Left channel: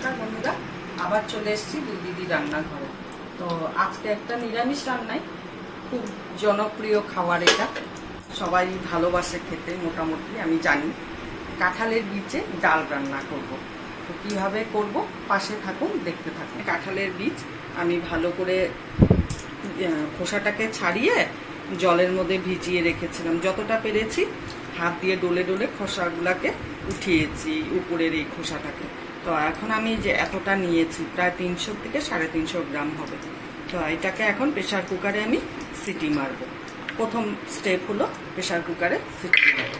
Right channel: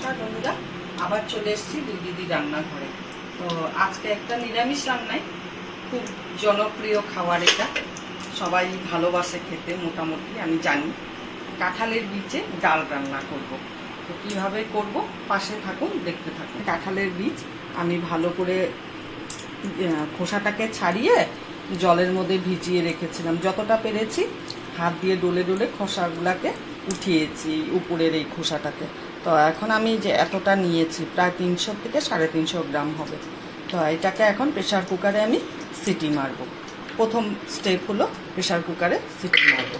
নমস্কার বন্ধুরা, আবার চলে এসেছি দুই দিদি রান্নাঘরে। তো আজকে একটা নিরামিষ রান্নায় খুব জনপ্রিয় খাবার, এটা সবাই ভালোবাসে খেতে মোটামুটি, আমি জানি। কাঁঠালের বীজে ডাল রান্না করব। তো কীভাবে করব পাশে থাকুন, দেখতে থাকুন। কাঁঠালের বীজ আমি ভালো করে খোসাটাকে ছাড়িয়ে জলের মধ্যে ভিজিয়ে রেখেছিলাম, যতটা পেরেছি হাত দিয়ে ডলে ডলে খোসাগুলাকে উঠিয়েছি উপরের এই খোসাটাকে। তো এখন আমি যে এতটা নিয়েছি প্রায় 300 থেকে 350 গ্রাম হবে। তো এটাকে এখন প্রেসার কুকারে আমি সিটি মারব। প্রথম স্টেপ হলো প্রেসার কুকারে সিটি মারব।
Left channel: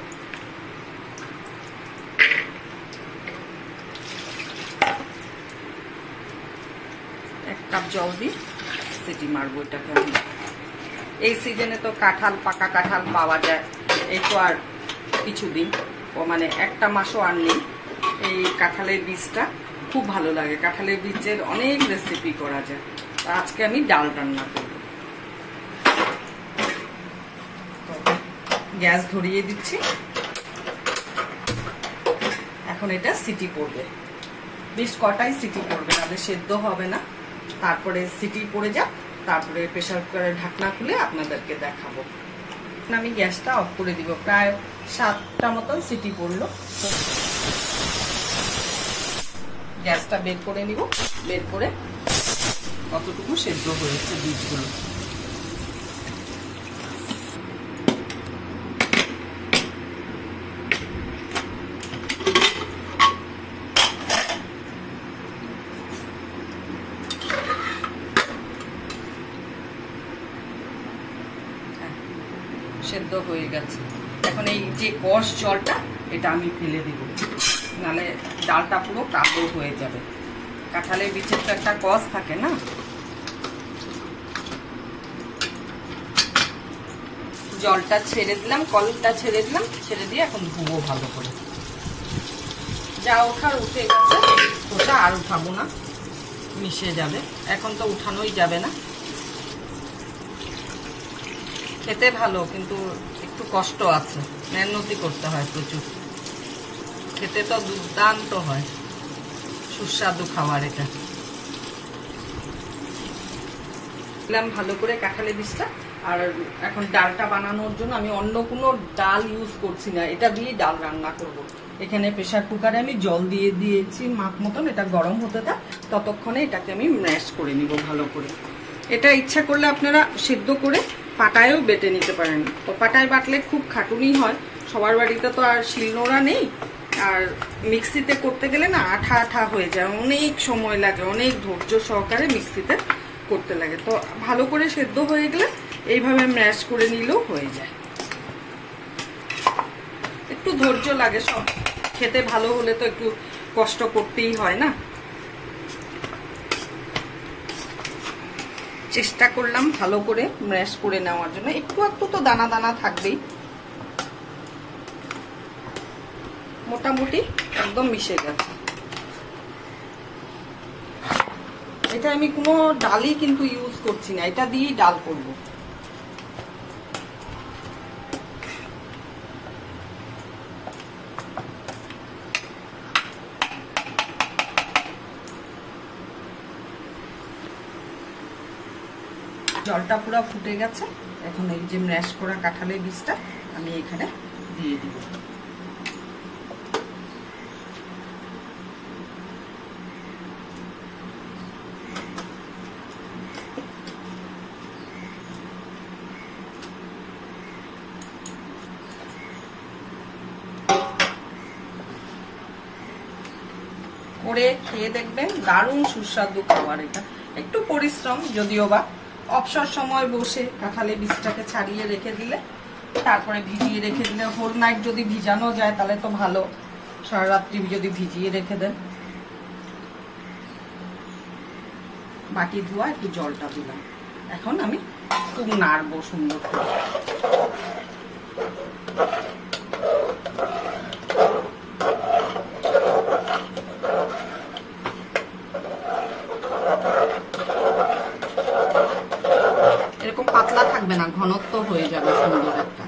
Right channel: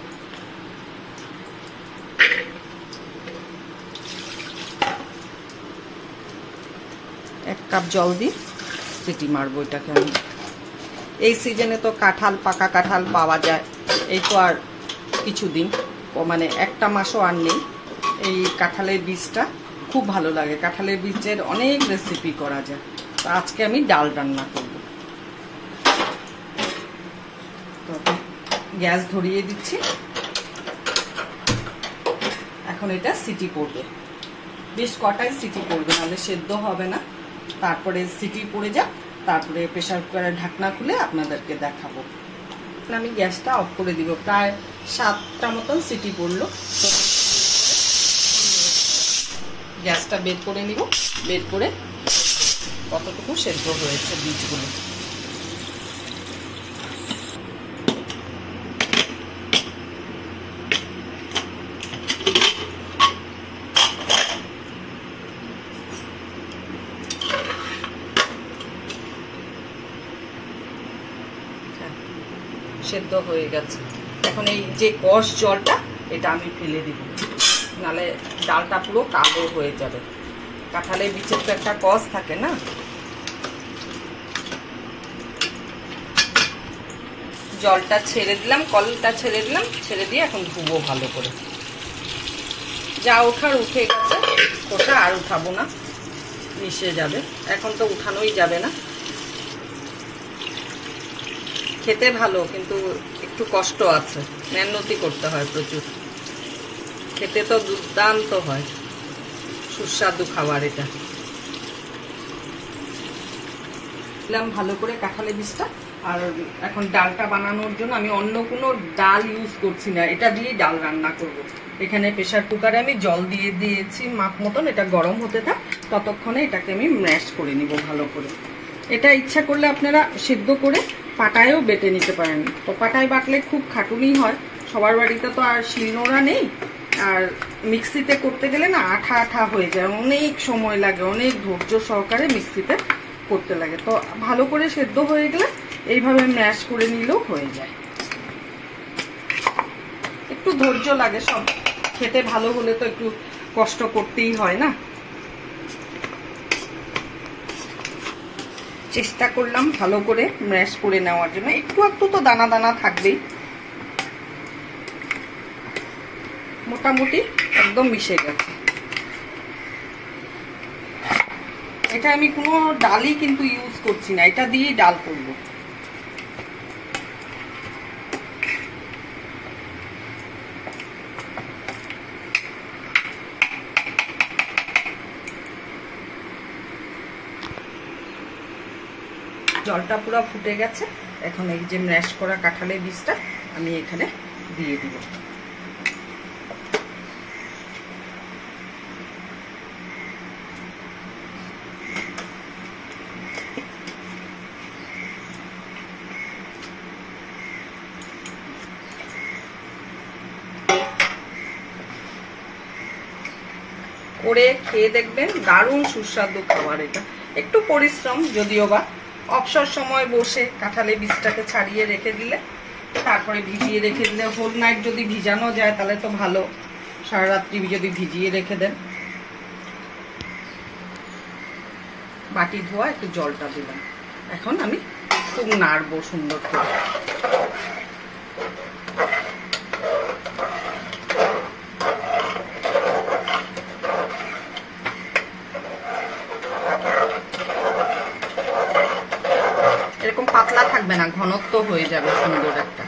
এক কাপ জল দিয়ে সিটি মারব এটাকে আমি। এই সিজনে তো কাঁঠাল, পাকা কাঁঠাল পাওয়া যায়, এই তো আর কিছুদিন, মানে একটা মাসও আর নেই। এই কাঁঠালের বীজটা খুব ভালো লাগে, কাঁঠালের বীজের অনেক রেসিপি করা যায়। তো আজকে আমি ডাল রান্না করব। তো গ্যাস ধরিয়ে দিচ্ছি, এখন এটা সিটি পড়বে, বেশ কটাই সিটি পড়বে, নাহলে সেদ্ধ হবে না। তারপরে সিটি পড়ে যাক, তারপরে প্রেসার কুকারের ঢাকনা খুলে আপনাদেরকে দেখাবো। আমি গ্যাসটা অফ করে দিব। প্রায় 7টা মতন সিটি পড়লো। গ্যাসটা বের করে নিব, বের করে কতটুকু সেদ্ধ হয়েছে বীজগুলো। সেদ্ধ হয়ে গেছে। এখন এই যে কষ জলটা, এটা আমি ফেলে দিব, নাহলে ডালটা পুরো কালো হয়ে যাবে। কাঁঠালের বীজের তো একটা কষ থাকে না। জলটা ছেড়ে দিলাম, কলটা ছেড়ে দিলাম, ছেড়ে দিয়ে এখন ধুবো ভালো করে। যা ওঠার উঠে গেছে, ওটা আর উঠাবো না, মিশে যাবে। এখন তো উঠানোই যাবে না। খেতে ভালো, কিন্তু একটু কষ্ট আছে, মেহনতি করতে হয় প্রচুর। খেতে তো দুর্দান্ত হয়, সুস্বাদু খাবার এটা। দিলাম ভালো করে কাঁঠালের বীজটা। আর এখন ডালটা বানানোর জন্য আমি অন্য কোনো ডাল ইউজ করছি না, এটা দিয়েই ডাল রান্না করব। এখানে প্রেসার কুকারে আমি জল দিয়ে দিয়েছি মাপ মতন, এটা গরম হতে থাক, ততক্ষণে এটাকে আমি ম্যাশ করে নিব ভালো করে। এটা ইচ্ছা করলে আপনারা সিদ্ধ করে পাটায়ও বেটে নিতে পারেন। তো পাটায় বাটলে খুব খাটুনি হয়, সবার বাড়িতে তো আর শিলনোড়া নেই, আর মিক্সিতে করতে গেলে না আঠা আঠা হয়ে যায়, অনেক সময় লাগে, অনেক ধৈর্য সহকারে মিক্সিতে করতে লাগে। তো ভালো করে সেদ্ধ হয়ে গেলে এইভাবে ম্যাশ করে নিলেও হয়ে যায়। একটু ধৈর্য লাগে, সব খেতে ভালো হলে তো একটু কষ্ট করতেই হয় না। চেষ্টা করলাম ভালো করে ম্যাশ করে নেওয়ার জন্য, একটু একটু তো দানা দানা থাকবেই। মোটামুটি একদম মিশে গেছে। এটা আমি কোনো ডালই কিন্তু ইউজ করছি না, এটা দিয়েই ডাল করব। জলটা পুরো ফুটে গেছে। এখন এই যে ম্যাশ করা কাঁঠালের বীজটা আমি এখানে দিয়ে দিব। করে খেয়ে দেখবেন, দারুণ সুস্বাদু খাবার এটা। একটু পরিশ্রম যদিও বা, অবসর সময় বসে কাঁঠালের বীজটাকে ছাড়িয়ে রেখে দিলে, তারপরে ভিজিয়ে রেখে দিলে, হোল নাইট যদি ভিজানো যায় তাহলে তো ভালো, সারা রাত্রি যদি ভিজিয়ে রেখে দেন। বাটি ধোয়া একটু জলটা দিলাম, এখন আমি খুব নাড়বো সুন্দর করে। এরকম পাতলা থাকবে না, ঘনত্ব হয়ে যাবে সুন্দর একটা।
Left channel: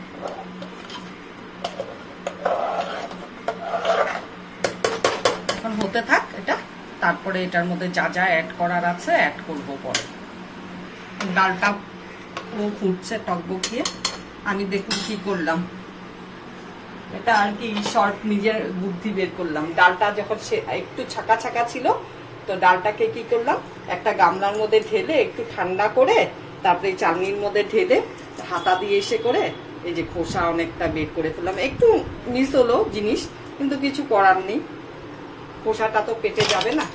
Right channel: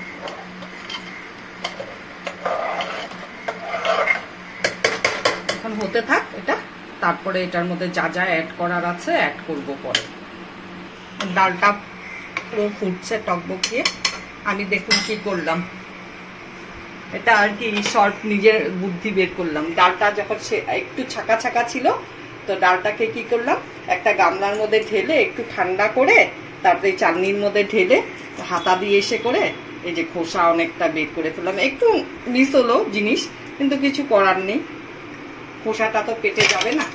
এখন হতে থাক, এটা তারপরে এটার মধ্যে যা যা অ্যাড করার আছে অ্যাড করব পরে। ডালটা পুরো ফুটছে টকবকিয়ে। আমি দেখুন কি করলাম, এটা আর কি শর্ট নিজের বুদ্ধি বের করলাম। ডালটা যখন সে একটু ছাকা ছাকা ছিল, তো ডালটাকে কি করলাম, একটা গামলার মধ্যে ঢেলে একটু ঠান্ডা করে তারপরে চালনির মধ্যে ঢেলে হাতা দিয়ে এসে করে এই যে খোসা অনেকটা বের করে ফেললাম। একটু মিস হলো জিনিস, কিন্তু কিছু করার নেই, খোসাটা তো পেটে যাবে না।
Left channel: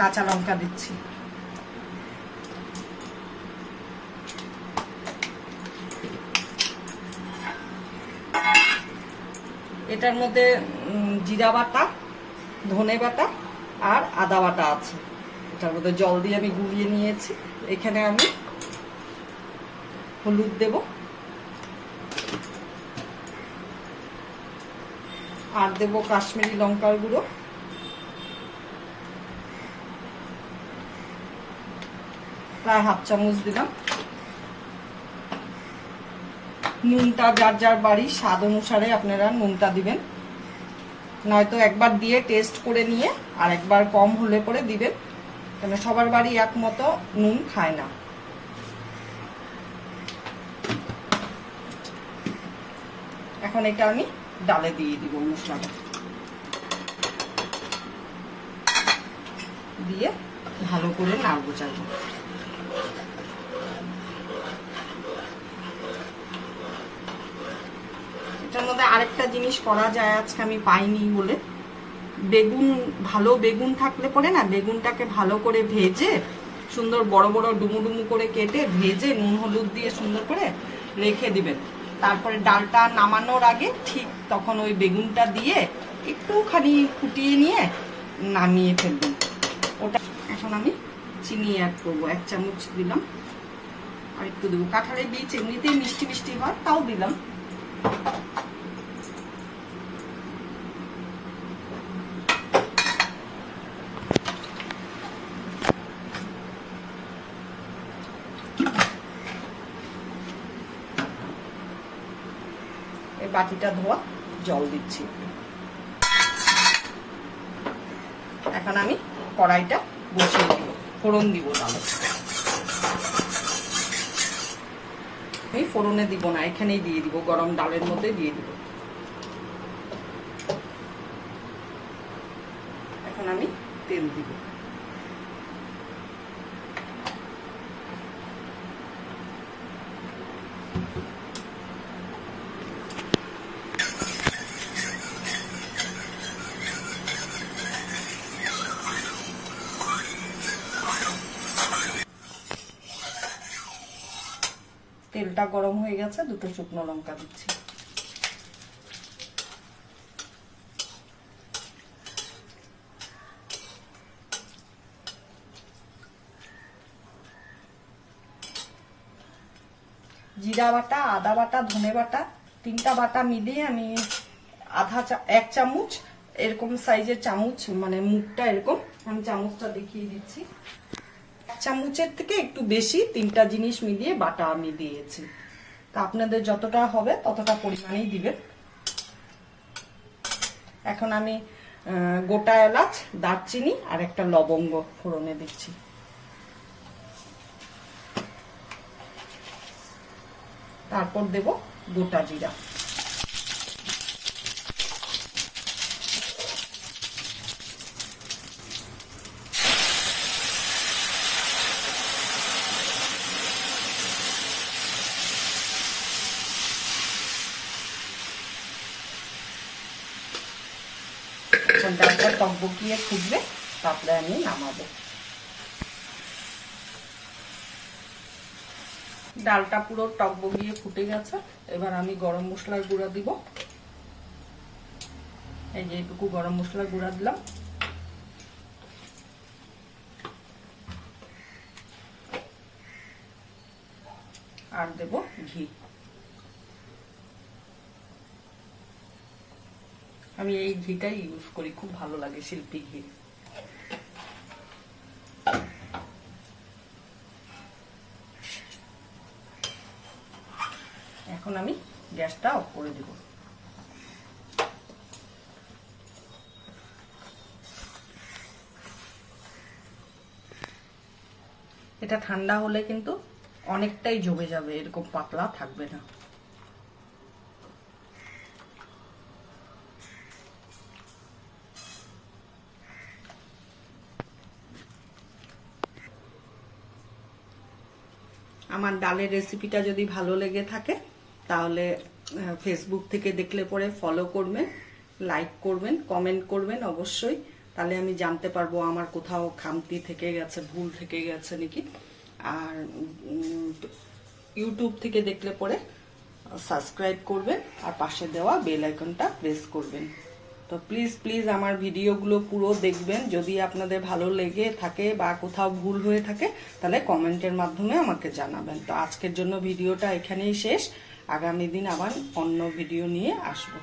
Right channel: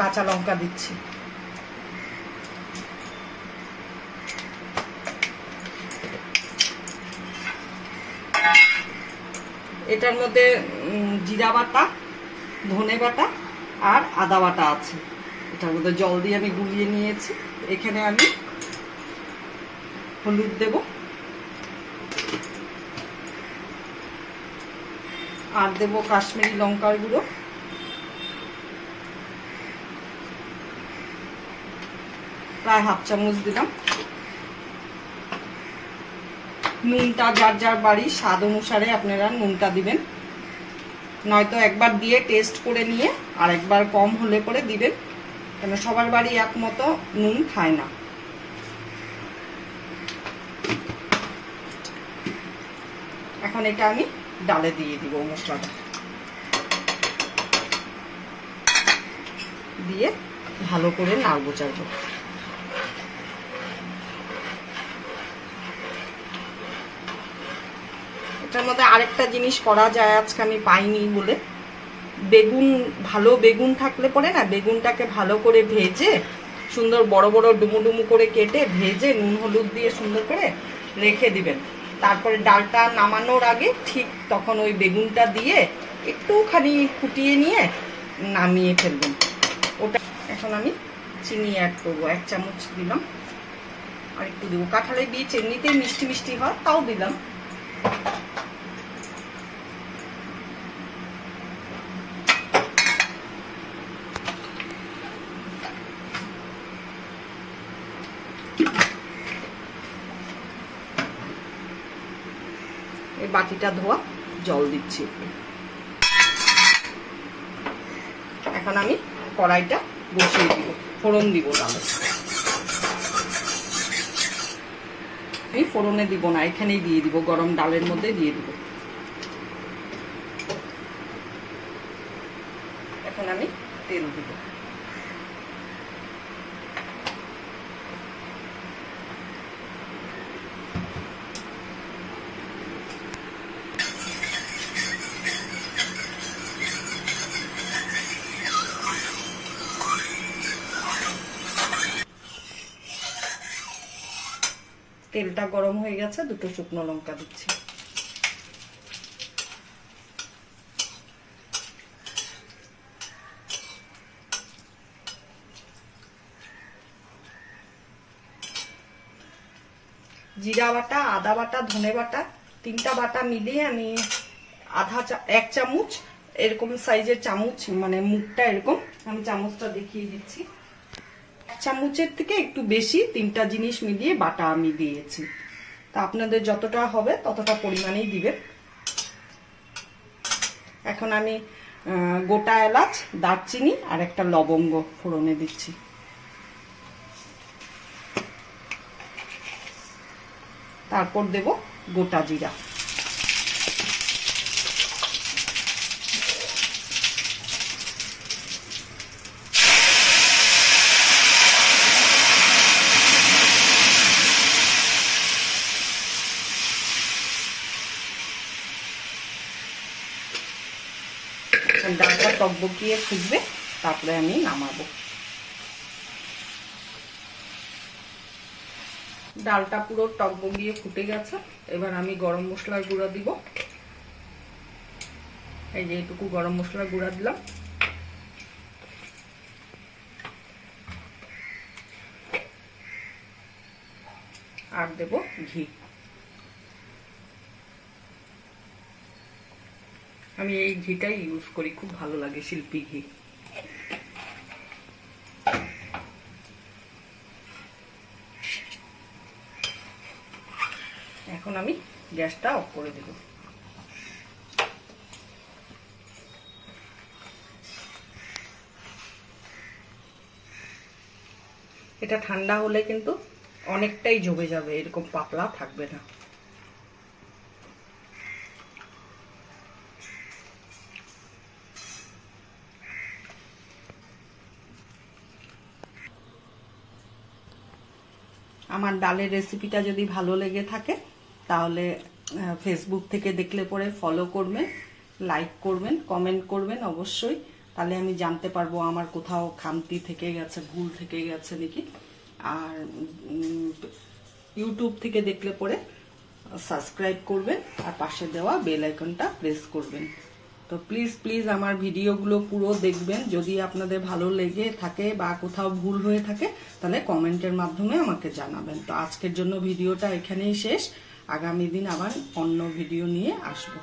কাঁচা লঙ্কা দিচ্ছি। এটার মধ্যে জিরা বাটা, ধনে বাটা আর আদা বাটা আছে। এটার মধ্যে জল দিয়ে আমি গুলিয়ে নিয়েছি। এখানে আমি হলুদ দেব, আর দেব কাশ্মীরি লঙ্কার গুঁড়ো, প্রায় হাফ চামচ দিলাম। নুনটা যার যার বাড়ির স্বাদ অনুসারে আপনারা নুনটা দিবেন, নয়তো একবার দিয়ে টেস্ট করে নিয়ে আর একবার কম হলে পরে দিবেন, কেন সবার বাড়ি এক মতো নুন খায় না। এখন এটা আমি ডালে দিয়ে দিব, মশলাটা দিয়ে ভালো করে নাড়বো চাইবো। এটার মধ্যে আরেকটা জিনিস করা যায়, আজকে আমি পাইনি বলে, বেগুন, ভালো বেগুন থাকলে পরে না, বেগুনটাকে ভালো করে ভেজে সুন্দর বড় বড় ডুমু ডুমু করে কেটে ভেজে নুন হলুদ দিয়ে সুন্দর করে রেখে দিবেন। তারপরে ডালটা নামানোর আগে ঠিক তখন ওই বেগুনটা দিয়ে একটুখানি ফুটিয়ে নিয়ে নামিয়ে ফেলবেন ওটা। এখন আমি চিনি অ্যাড করবো, 1 চামচ দিলাম, আর একটু দেবো। কাঁঠালের বীজ এমনিতেই মিষ্টি মিষ্টি হয়, তাও দিলাম। এই বাটিটা ধোয়া জল দিচ্ছি। এখন আমি কড়াইটা বসিয়ে দিব, ফোড়ন দিব। ডালে আমি ফোড়নে দিব না, এখানেই দিয়ে দিব, গরম ডালের মধ্যে দিয়ে দিব। এখন আমি তেল দিব। তেলটা গরম হয়ে গেছে, 2টো শুকনো লঙ্কা দিচ্ছি। জিরা বাটা, আদা বাটা, ধনে বাটা, 3টা বাটা মিলিয়ে আমি 1 চামচ এরকম সাইজের চামচ, মানে মুখটা এরকম, আমি চামচটা দেখিয়ে দিচ্ছি। 1 চামচের থেকে একটু বেশি 3টা জিনিস মিলিয়ে বাটা আমি দিয়েছি। তা আপনাদের যতটা হবে ততটা পরিমাণেই দিবেন। এখন আমি গোটা এলাচ, দারচিনি আর একটা লবঙ্গ ফোড়নে দিচ্ছি। তারপর দেব গোটা জিরা। ডালটা টকবকিয়ে ফুটবে, তারপরে আমি নামাবো। ডালটা পুরো টকবকিয়ে ফুটে গেছে। এবার আমি গরম মশলার গুঁড়া দিব। এই যে এটুকু গরম মশলার গুঁড়া দিলাম। আর দেব ঘি। আমি এই ঘিটাই ইউজ করি, খুব ভালো লাগে, শিল্পী ঘি। এখন আমি গ্যাসটা অফ করে দেব। এটা ঠান্ডা হলে কিন্তু অনেকটাই জমে যাবে, এরকম পাতলা থাকবে না। আমার ডালের রেসিপিটা যদি ভালো লেগে থাকে তাহলে ফেসবুক থেকে দেখলে পরে ফলো করবেন, লাইক করবেন, কমেন্ট করবেন অবশ্যই, তাহলে আমি জানতে পারবো আমার কোথাও খামতি থেকে গেছে, ভুল থেকে গেছে নাকি। আর ইউটিউব থেকে দেখলে পরে সাবস্ক্রাইব করবেন আর পাশে দেওয়া বেল আইকনটা প্রেস করবেন। তো প্লিজ প্লিজ আমার ভিডিওগুলো পুরো দেখবেন। যদি আপনাদের ভালো লেগে থাকে বা কোথাও ভুল হয়ে থাকে তাহলে কমেন্টের মাধ্যমে আমাকে জানাবেন। তো আজকের জন্য ভিডিওটা এখানেই শেষ, আগামী দিন আবার অন্য ভিডিও নিয়ে আসবো।